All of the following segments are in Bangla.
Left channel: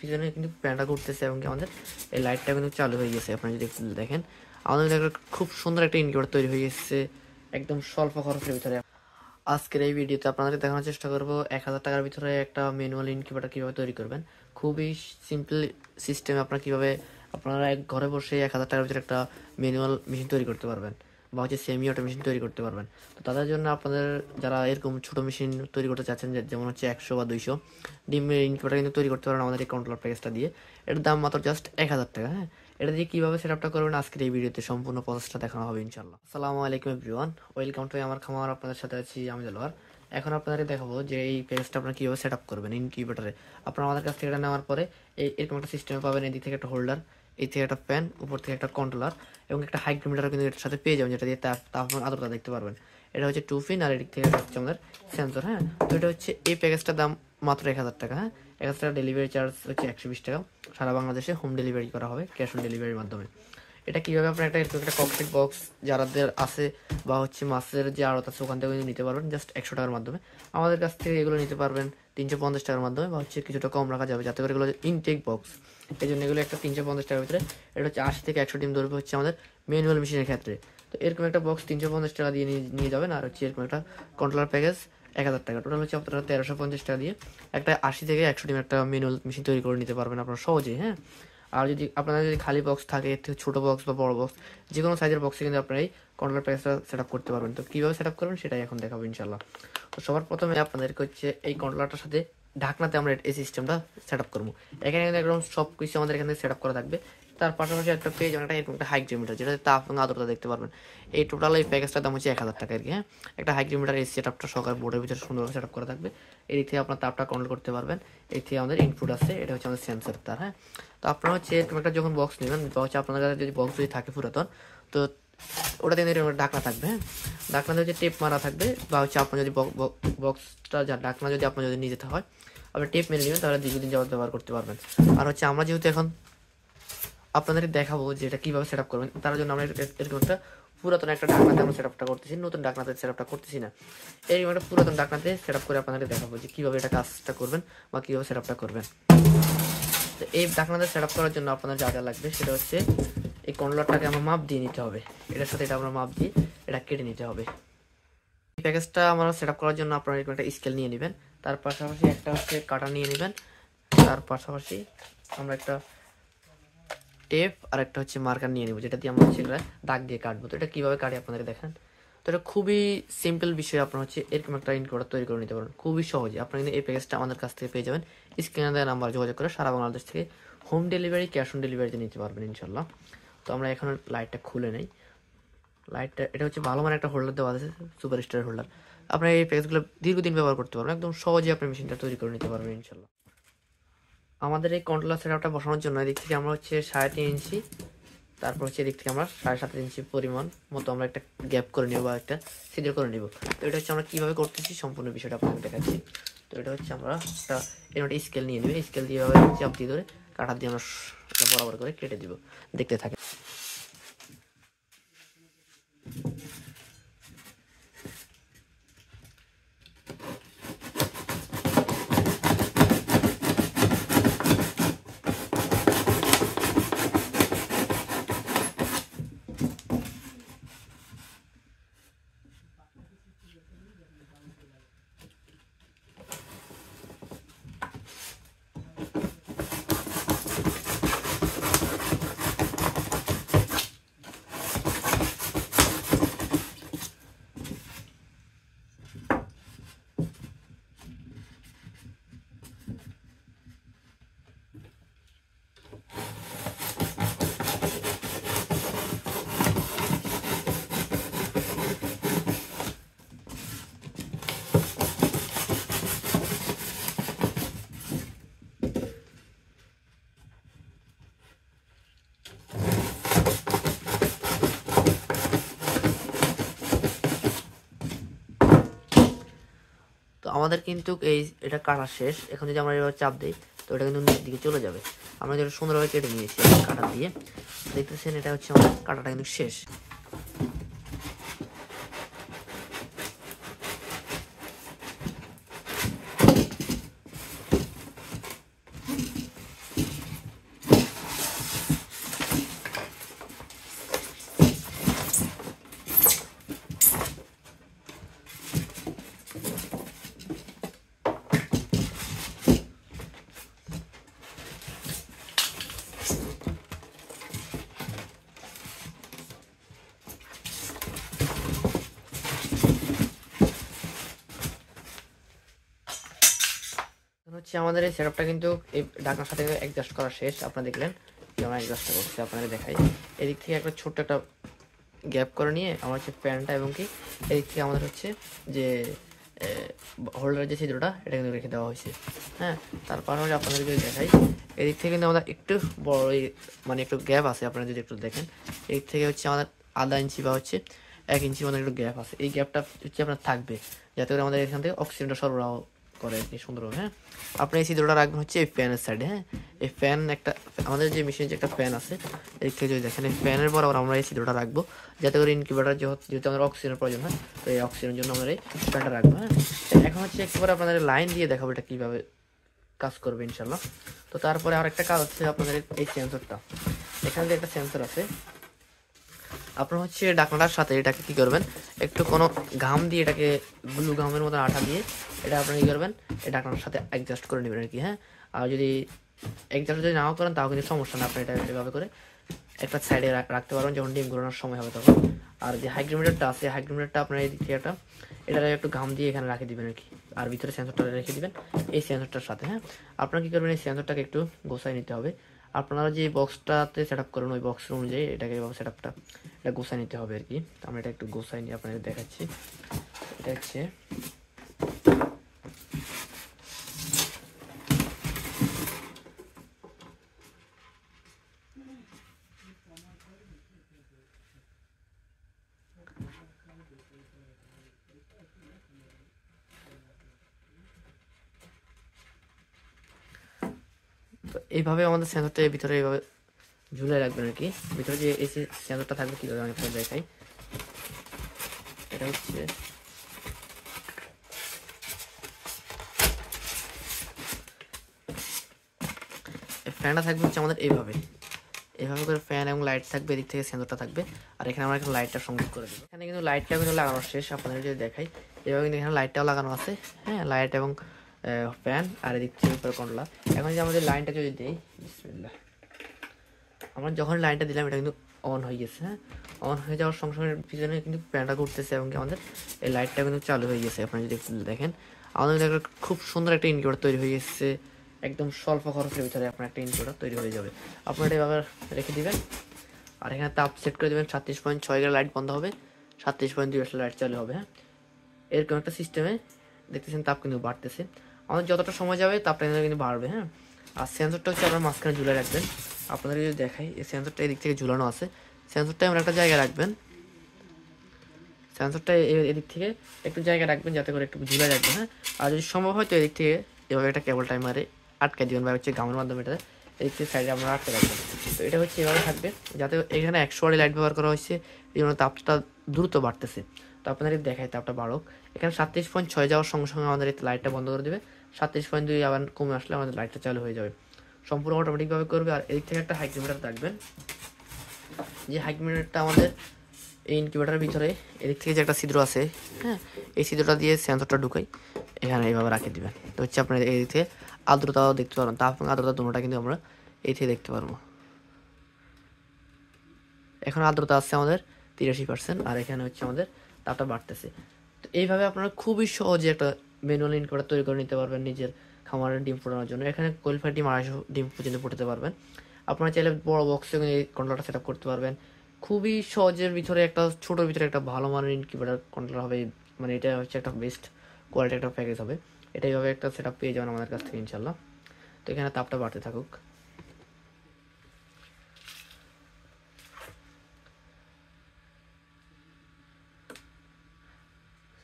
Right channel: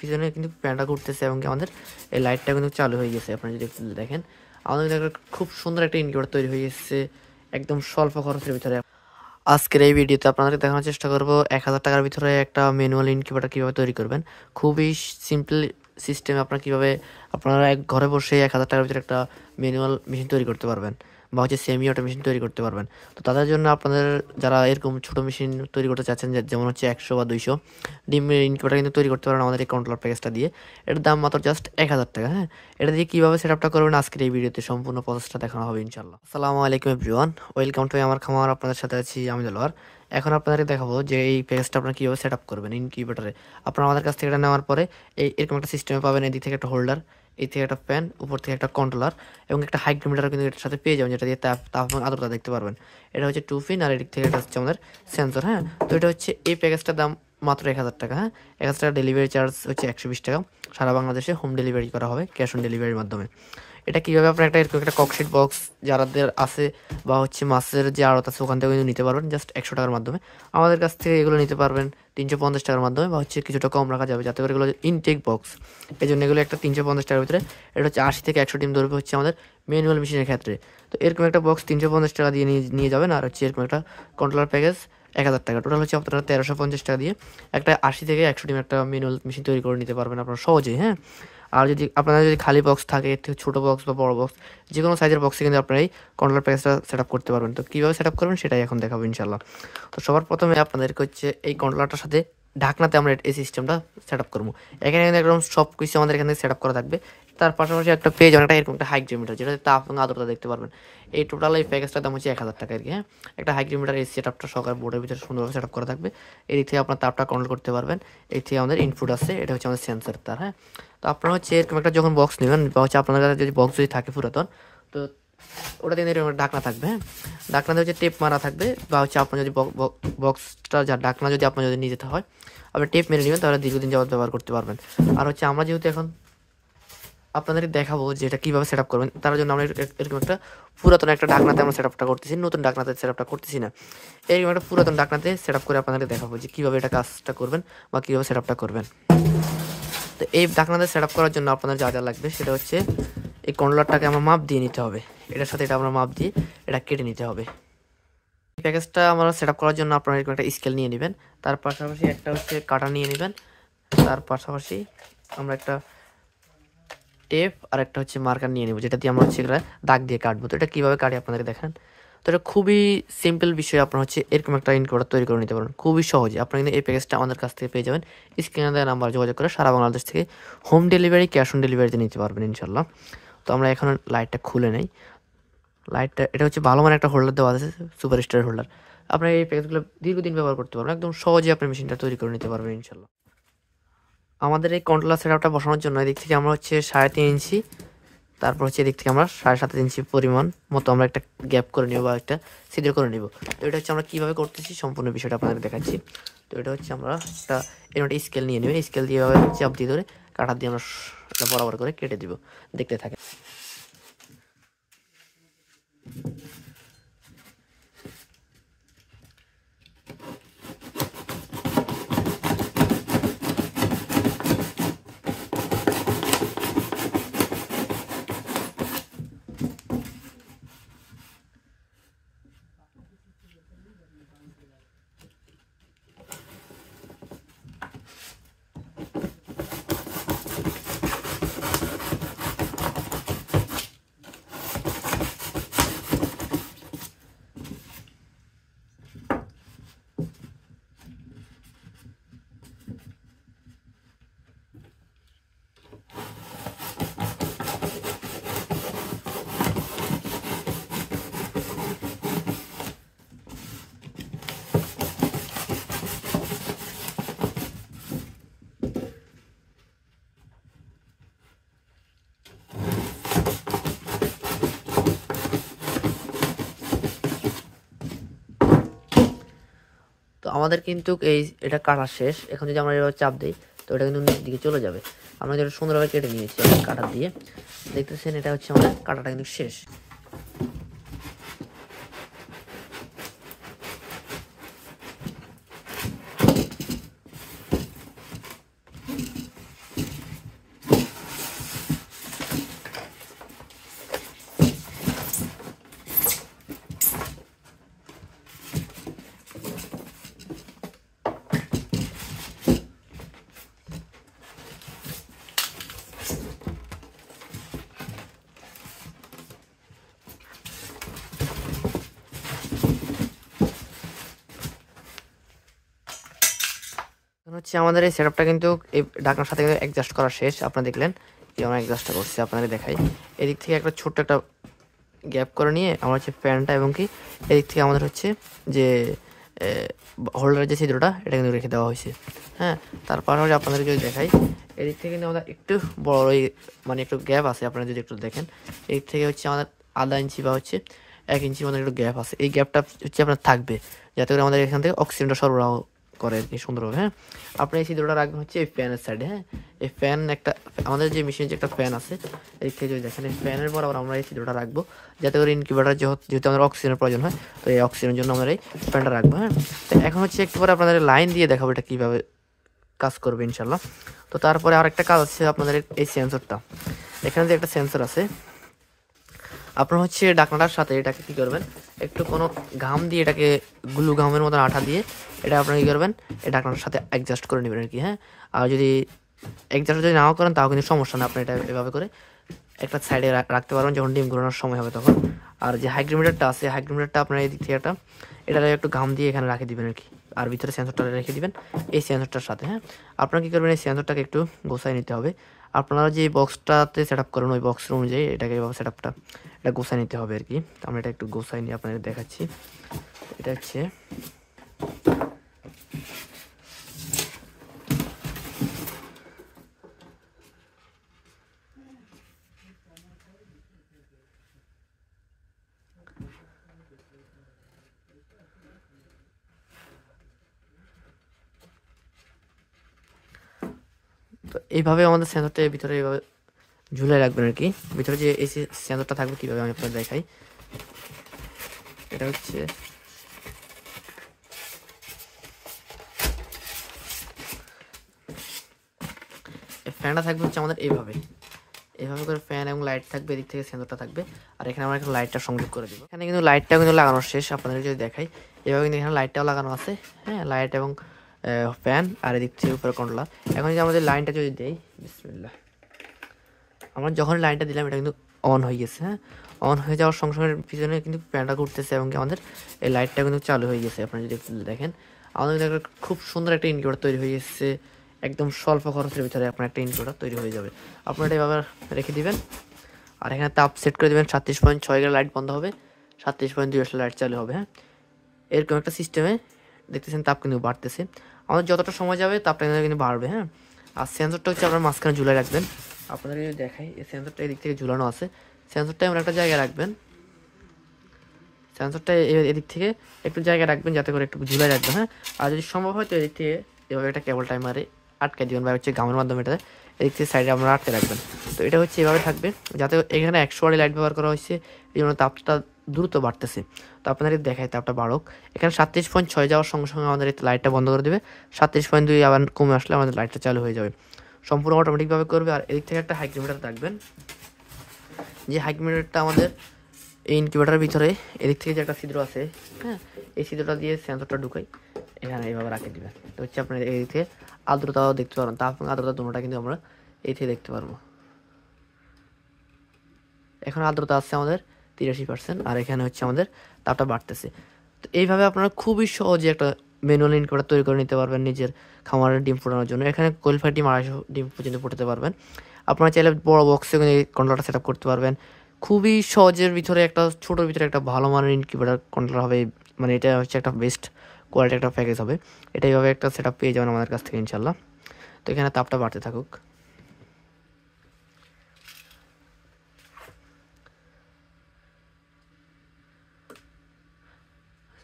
পিছনে কিন্তু ফ্যানটা ঘুরতেছে এবং আমাদের এই লাইটটা কিন্তু চালু হয়ে গেছে। আপনারা যদি একটু দেখেন আমাদের একটা খুব সুন্দর একটা ইনকিউবেটর তৈরি হয়ে গেছে একদম স্বল্প খরচের ভিতরে। আজকের এই ভিডিওতে আপনাদের দেখানোর চেষ্টা করব 1000 টাকার ভিতরে একটা ম্যানুয়াল ইনকিউবেটর কীভাবে তৈরি করবেন। খুবই সিম্পল সিস্টেম, আপনারা কীভাবে আপনারা ঘরে বসে 1000 টাকার ভিতরে একটা ম্যানুয়াল মেশিন তৈরি করতে পারবেন বা হচ্ছে সেমি অটো মেশিন তৈরি করতে পারবেন। তো তাদের জন্য আপনাদের যারা এরকম ছোটো মেশিন তৈরি করতে চাচ্ছেন, যেমন হচ্ছে 100 বা 200 ডিমের ইনকিউবেটর কিন্তু তৈরি করতে পারেন আমাদের এই কন্ট্রোলার প্যাকেজটা দিয়ে। এটার দাম মাত্র জাস্ট 1000 টাকা। হ্যাঁ, এটা দিয়ে কীভাবে সেট আপটা করবেন আজকের এই ভিডিওতে সম্পূর্ণ প্রসেসটা দেখানো হবে ইনশাল্লাহ। আসসালামু আলাইকুম এভরিওয়ান, ওয়েলকাম টু আমার খামার। আপনাদের সাথে আছি আমি দেলোয়ার। এখন আপনাদেরকে দেখাবো যে এই প্যাকেজটা আপনারা কীভাবে সেট আপ করবেন ইনকিউবেটরে। আপনারা আমাদের কাছ থেকে এটা নেওয়ার পরে এরকম একটা সিস্টেমে পাবেন। এদিক থেকে একটা হোল্ডার, এই থেকে একটা ফ্যান, উপর থেকে একটা কন্ট্রোলার এবং একটা হাইগ্রোমিটার কিন্তু এটার সাথে পেয়ে যাবেন, যেটা দিয়ে তাপমান আর্দ্রতা দেখতে পারবেন। এটা হচ্ছে 2 পিন আর এদিক থেকে এটা হচ্ছে আমাদের সেন্সর। হ্যাঁ, তো এটা হচ্ছে এই প্যাকেজটার দাম মাত্র 1000 টাকা। হ্যাঁ, 1000 টাকা ডেলিভারি চার্জ হচ্ছে 120 টাকা। সারা বাংলাদেশে হোম ডেলিভারি করা হবে ক্যাশ অন ডেলিভারির মাধ্যমে। এটা কীভাবে আপনার এরকম একটা ককশিট বক্স যাদের আছে বা হচ্ছে মাছের যে আড়ত আছে ওখান থেকে কিন্তু নিতে পারবেন জাস্ট 100 টাকার মাধ্যমে। আমাদের কাছ থেকে এগুলো নিতে পারবেন 350 টাকার মাধ্যমে, বা হচ্ছে কিছুটা কম রাখা যাবে যাতে করে এগুলো ইনটেক বক্স। এই জন্য এগুলো একটা 350 টাকার ভিতরে। এটা হচ্ছে 80 থেকে 100 ডিম ধরবে হচ্ছে আমাদের ম্যানুয়াল মেশিনের ক্ষেত্রে। তো এরকম একটা বক্স 350 টাকা দিয়ে নিয়ে যাবেন। আর হচ্ছে এরকম একটা কন্ট্রোলার প্যাকেজ 1000 টাকা। টোটাল হচ্ছে আপনারা 1350 টাকা দিয়ে একটা 80 থেকে 100 ডিম একটা ম্যানুয়াল মেশিন তৈরি করে নিতে পারবেন আপনারা সহজেই। হ্যাঁ, আর যদি আপনাদের যদি খালি বক্স থাকে, এর থেকে ছোটো বক্স বা বড় বক্স যে কোনো সাইজের বক্সে কিন্তু আপনারা এই কন্ট্রোলার প্যাকেজটা সেট আপ করতে পারবেন। তো কীভাবে সেট আপ করবেন সেটাই এখন দেখাবো ইনশাল্লাহ। তো সবার প্রথমে আপনাদেরকে হচ্ছে এই কন্ট্রোলারটার সাথে ঢাকনাতে আমরা এই সিস্টেমটা সেট আপ করবো। এখানে কিন্তু একদম সব কিছু আমাদের এখানে সেট আপ করা থাকবে। তার পাশাপাশি একটা পেজ অনেকটা এরকম একটা হাইগ্রোমিটার, যেটা তাপ এবং আর্দ্রতা দেখতে পারবেন। এই টোটাল এই প্যাকেজটার দাম হচ্ছে 1000 টাকা আর কি। হ্যাঁ, একটা হাইগ্রোমিটার এই সেট আপটা সকাল বোর্ডের ভিতরে সুন্দরভাবে সেট আপ করা থাকবে। এই থেকে আপনার তাপটা কন্ট্রোল করতে পারবেন। এই থেকে আমাদের ইনপুট আছে, এটা হচ্ছে আমাদের সেন্সর তার। হ্যাঁ, তো আপনারা হচ্ছে এরকম একটা যখন বক্স নেবেন বা হচ্ছে আপনার কাছে যদি বক্স যদি থাকে পুরাতন, তো ওটাতে এরকম ডাকনা থাকবে। হ্যাঁ, ডাকনাতে হচ্ছে টেপ মারা থাকবে, বা হচ্ছে আপনার যদি বক্সটা যা ডাকনা যদি আপনার যদি নিয়ে যেতে হয় আপনি টেপ মেরে নেবেন, তাহলে দীর্ঘদিন যাবত ব্যবহার করতে পারবেন। আর হচ্ছে আমরা যেহেতু এখন আপনাদের দেখাবো যে এটা কীভাবে সেট আপ করবেন, তার জন্য আমরা এরকম একটা পুরাতন একটা ডাকনাতে আমরা সেট আপটা করতেছি, নতুন ডাকনাতে সেট আপটা করতেছি না। এরকম একটা পুরাতন ডাকনাতে সেট আপ করে আপনাদের দেখাবো যে কীভাবে এটা কাজটা করবেন বা কীভাবে সেট আপটা করবেন। তো এই ডাকনাতে সেট আপ করার জন্য আপনাদের যা যা লাগবে সেটা হচ্ছে এই কন্ট্রোলারটাকে আমরা মাপ দিয়ে নিতে হবে। এটার সাথে এটা আমরা মাপ দিয়ে এটা কেটে নিতে হবে। এই প্যাকেজটা আমরা সেট আপ করার জন্য আপনারা এরকম একটা স্কেল নিয়ে নেবেন, তার পাশাপাশি একটা হচ্ছে কাটা নিয়ে নেবেন, তার পাশাপাশি আমরা একটা টেপ আর একটা হচ্ছে মার্কার নিয়ে নেব, যেটা দিয়ে আমরা হচ্ছে দাগ দিয়ে কাটবো। তো এটা কীভাবে কাটি আপনাদের দেখেন। তো এটা খুবই সিম্পল বিষয়, আপনার হচ্ছে এরকম একটা ইনকিউবেটর তৈরি করে নিতে পারেন খুবই সহজে। আপনারা কিন্তু এই প্যাকেজটা আমাদের কাছ থেকে পেয়ে যাবেন। স্ক্রিনে দেওয়া নাম্বার যোগাযোগ করে সারা বাংলাদেশ থেকে হোম ডেলিভারি ক্যাশ অন ডেলিভারিতে নিতে পারবেন ইনশাল্লাহ। তো আমরা এখন লাইটটা খুলে নেই। লাইটটা এটা হচ্ছে ভালো মানে একটা হোল্ডার দেওয়া আছে, সুপার স্টার হোল্ডার। আপনারা এই প্যাকেজগুলো দীর্ঘদিন ব্যবহার করতে পারবেন, একদম সহজে আপনি মেশিনটা তৈরি করে নিতে পারবেন ইনশাল্লাহ। আমাদের এই কন্ট্রোলার সেট আপটা বসানোর জন্য এদিক থেকে আমরা হচ্ছে 3.5 ইঞ্চি, তারপর হচ্ছে এদিক থেকে আমরা 7.5 ইঞ্চি পরিমাণ মতো আমরা একটা গ্যাপ করে নিব বা একটা ছিদ্র করে নিব। তো এটা হচ্ছে আমরা কীভাবে করতেছি সম্পূর্ণ বিষয়টা আপনাদের দেখাচ্ছি। তো এটা হচ্ছে আমরা একটা স্কেল নিয়ে নেব, স্কেল দিয়ে চাপ দিয়ে ধরে কাঁটা দিয়ে আমরা বরাবর করে কেটে দিব, দেখতে থাকে। তো আমাদের কিন্তু এটা কাটা শেষ। এখন যদি আমরা এভাবে চাপ দিই তো এটা কিন্তু নিচের দিকে চলে যাবে। আমরা যেটা সুন্দরভাবে কেটে নিয়েছি কাটা দিয়ে, দেখতেছেন এটা হচ্ছে আমাদের কাটাটা কিন্তু শেষ। হচ্ছে আমাদের এই সেটআপটা কিন্তু এই ঢাকনার সাথে অ্যাডজাস্ট করা শেষ। আপনারা দেখলেন যে আমরা অ্যাডজাস্টটা করছি, আপনাদের দেখাই। এদিক থেকে একটা ছোট্ট একটা গ্যাপ করে নিয়ে আমরা হচ্ছে ফ্যানটা এবং কি এদিক থেকে আমাদের হচ্ছে যে হোল্ডারের যে ছিদ্রটা এটা কিন্তু রেখে দেওয়া হয়েছে। হ্যাঁ, তারপর আপনাদের যদি দেখাই এদিক থেকে কিন্তু আমাদের একটু বড় মানে একটু গ্যাপ আছে। আপনারা যদি একটু দেখেন এদিক থেকে হচ্ছে আমাদের আধা ইঞ্চি বা হচ্ছে 1 ইঞ্চি আমাদের একটু গ্যাপ আছে। এই গ্যাপটা হচ্ছে আপনার থাকবে যাতে করে আমাদের এখান থেকে অক্সিজেনটা সরবরাহ করে আর কি সুন্দরভাবে। হ্যাঁ, আপনি এই ছিদ্রটা রাখবেন হচ্ছে এই ফ্যানের সাইডে। হ্যাঁ, এই ফ্যান একটা আমাদের যে মেশিনের যে একটা ফ্যান আছে এদিক থেকে যদি দেখেন এই ফ্যানের বরাবর আমরা এই ছিদ্রটা রাখবো যাতে করে ইনকিউবেটর যেহেতু আমাদের অক্সিজেনের প্রয়োজন হয়, তো এই অক্সিজেনের জন্য আমরা এই ফ্যানটা রাখবো। হ্যাঁ, এখন হচ্ছে একটু পরে আপনাদের লাইন দিয়ে দেখাবো এটা কীভাবে কাজ করবে ইনশাল্লাহ। তো তারপরে আরেকটা কাজ হচ্ছে আপনাদের এই সেন্সরটা, এখানে যে একটা সেন্সর আছে আপনার হচ্ছে ঢাকনাটার সাথে এটাকে কী করবেন, একটু কোনো ঘাম দিয়ে এটাকে গ্লু ঘামের মতো আঠা দিয়ে এটা আপনারা কী করবেন এই ঢাকনাটার সাথে অ্যাডজাস্ট করে নেবেন আর কি। হ্যাঁ, আর যদি অ্যাডজাস্ট যদি নাও করেন তাও কিন্তু সমস্যা না, আপনি এটা এভাবে করে একটা সাইডে রাখতে পারবেন যখন ডিম ঘোরানোর সময় হবে তখন। আর যে হাইগ্রোমিটারটা আছে হাইগ্রোমিটারটা আপনার এই দিক থেকে এটা একটু ঘাম দিয়ে এখানে রাখে দিবেন আর কি, আর ভিতরে সেন্সরটা রেখে দিবেন এই সেন্সরটার সাথে। হ্যাঁ, আপনারা কী করবেন এই সেন্সরটাকে একটু গোছায় নিতে হবে। আপনারা যে বক্সটাতে সেট আপ করেন ওই বক্সের অনুযায়ী এটাকে এভাবে সেট আপটা এটা গোছায় নিতে হবে আর কি। আমরা এটা একটু গোছায় নিয়ে আপনাদের দেখাচ্ছি। এটা হচ্ছে তো এইভাবে আমাদের সেন্সরটা ভিতরে এইভাবে ঝুলে রাখবেন আর কি। ভিতরে যে এই সেন্সরটা থাকবে কীভাবে আমি আপনাদের দেখাই। এটা হচ্ছে ফ্যানটা থাকবে হচ্ছে আমাদের এইভাবে করে ফ্যান এবং লাইট থাকবে, এদিক থেকে সেন্সরটা থাকবে। আর এখানে আমরা এখন লাইটটা সংযোগ করে দেবো। এখানে কিন্তু লাইটটাও কিন্তু লাগানো শেষ, আপনাদের যদি দেখাই এভাবে কিন্তু এখানে লাইটটাও লাগানো আছে। হ্যাঁ, লাইট এবং ফ্যান আর এদিক থেকে উপরে কন্ট্রোলার। এখন যে আমাদের লাইনটা যদি দেই, বিসমিল্লাহ, আমরা যখন লাইনটা দিলাম এটা কিন্তু অন হয়ে গেছে। হ্যাঁ, অন হয়ে যাওয়ার সঙ্গে সঙ্গে পিছনে কিন্তু ফ্যানটা ঘুরতেছে এবং আমাদের এই লাইটটা কিন্তু চালু হয়ে গেছে। আপনারা যদি দেখেন আমাদের একটা খুব সুন্দর একটা ইনকিউবেটর তৈরি হয়ে গেছে। একদম স্বল্প খরচের ভিতরে আপনার একটা ইনকিউবেটর তৈরি হয়ে যাবে। আপনারা এটা এভাবে রেখে দিবেন আর এখানে তাপ সেট করে দেবেন 37.6 গেলে লাইট বন্ধ হবে, 37.2 আসলে লাইট চালু হবে। হ্যাঁ, এরকম একটা সিস্টেমে দেখতেছেন তাপ কিন্তু বাড়তেছে। আমাদের যতটা সময় যাবে তাপটা কিন্তু বাড়বে। হ্যাঁ, আর সেন্সরটা হচ্ছে আপনার মাঝখানে ঝুলে রাখবেন। আপনাদের যদি দেখাই এই সেন্সরটা এদিক থেকে ঝুলানো আছে, সেন্সরটা এমন একটা জায়গায় রাখবেন, সেন্সরটা এদিক থেকে একটু জায়গায় রাখবেন যাতে করে একটু ঝুলে রাখবেন। হ্যাঁ, আর যদি সম্ভব হয় তো এদিক থেকে এভাবে একটা কেবল টাইমারে আটকে দিবেন বা হচ্ছে গামের মাধ্যমে এটা এদিক থেকে সাইডে আপনারা আটকে রাখবেন। তো এটা হচ্ছে এভাবে থাকবে যাতে এখানে 100 ওয়াটের লাইট ব্যবহার করা হয়েছে, এই জন্য তাপটা দ্রুত বাড়তেছে। তো আপনাদের দেখাই তাপটা বাড়ুক। এখানে 37.6 যাওয়ার সঙ্গে সঙ্গে আমাদের লাইটটা বন্ধ করে দেবে, 37.2 আবার কমে আসলে আমাদের লাইটটা চালু হয়ে যাবে, সম্পূর্ণ অটোমেটিকভাবে করবে। আর এদিক থেকে একটা হাইগ্রোমিটার রাখবেন, যে হাইগ্রোমিটারটা আমাদের এই ইনকিউবেটরের ভিতরে এদিক থেকে যে একটা ছিদ্র আছে, হ্যাঁ, এই ছিদ্রটা দিয়ে সেন্সরটা ঢুকাই এখানে এইভাবে রাখে দিবেন। তো হচ্ছে আপনার এই দিক থেকে আর্দ্রতাও দেখতে পারবেন, তাপ এবং আর্দ্রতা দুটোটা কিন্তু আমরা এই থেকে দেখতে পারবো। এখন আর্দ্রতা আছে আমাদের 83% আর এখানে হচ্ছে আমাদের তাপটা বাড়তেছে। তো এইভাবে আপনারা খুবই সহজে একটা ম্যানুয়াল ইনকিউবেটর তৈরি করে নিতে পারবেন নিজের খামারের ডিম ফোটানোর জন্য। এখানে কোয়ালিফাইড ডিম 250 ডিম পর্যন্ত ফুটাতে পারবেন। আপনারা চাইলে বড় বক্সে এই কন্ট্রোলারটা সেট আপ করতে পারবেন। খুবই সহজের ভিতরে একটা ছোটোর ভিতরে একটা ভালো মানের ইনকিউবেটর কন্ট্রোলার হবে, মানে এটা হচ্ছে একটা বেস্ট কোয়ালিটি একটা প্যাকেজ হবে। এটা এইভাবে একটা সেট আপ পেয়ে যাবেন আমাদের কাছ থেকে ইনশাল্লাহ। তো এখানে তাপটা বাড়তে থাকুক।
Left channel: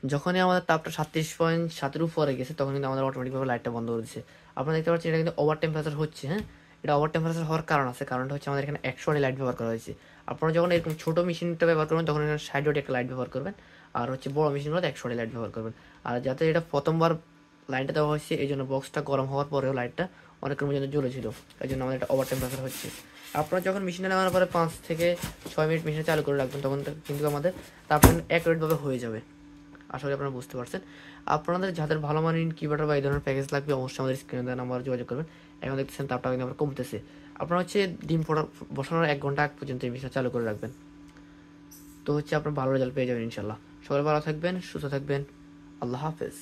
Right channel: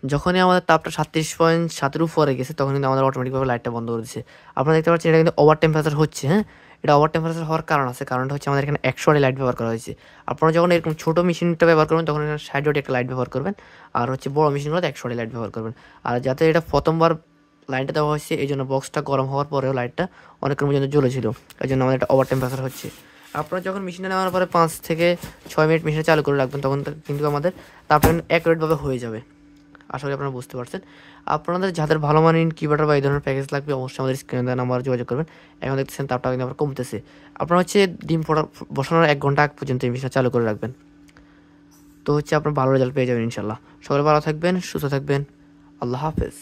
যখনই আমাদের তাপটা 37.7 উপরে গেছে তখন কিন্তু আমাদের অটোমেটিকভাবে লাইটটা বন্ধ করে দিচ্ছে। আপনারা দেখতে পাচ্ছেন এটা কিন্তু ওভার টেম্পারেচার হচ্ছে। হ্যাঁ, এটা ওভার টেম্পারেচার হওয়ার কারণ আছে, কারণটা হচ্ছে আমাদের এখানে 100 ওয়াটের লাইট ব্যবহার করা হয়েছে। আপনারা যখন এরকম ছোটো মেশিনটা ব্যবহার করবেন তখন এখানে 60 ওয়াটের একটা লাইট ব্যবহার করবেন, আর হচ্ছে বড়ো মেশিনগুলোতে 100 ওয়াটের লাইট ব্যবহার করবেন। আর যাতে এটা প্রথমবার লাইনটা দেওয়া হয়েছে এই জন্য বক্সটা গরম হওয়ার পরেও লাইটটা অনেকক্ষণ পর্যন্ত জ্বলেছিল, এই জন্য আমাদের এটা ওভার টেম্পারেচার হচ্ছে। আপনারা যখন মেশিনে নেওয়ার পরে 5 থেকে 6 মিনিট মেশিনে চালু করে রাখবেন তখন কিন্তু আমাদের তাপটা অ্যাকুরেটভাবে হয়ে যাবে। আশা করি আপনারা বুঝতে পারছেন। আপনাদের যাদের ভালো মানের ইনকিউবেটর বা এই ধরনের প্যাকেজ লাগবে অবশ্যই আমাদের স্ক্রিনে দেওয়া নাম্বারে যোগাযোগ করবেন। এখন দেখতেছেন তাপটা কিন্তু আবার কমতেছে। আপনারা হচ্ছে ডিম বসানোর 1 ঘন্টা আগ পর্যন্ত এই মেশিনটা চালু করে রাখবেন, তো হচ্ছে আপনার ভালো রেজাল্ট পেয়ে যাবেন ইনশাল্লাহ। সবাই ভালো থাকবেন, সুস্থ থাকবেন, আল্লাহ হাফেজ।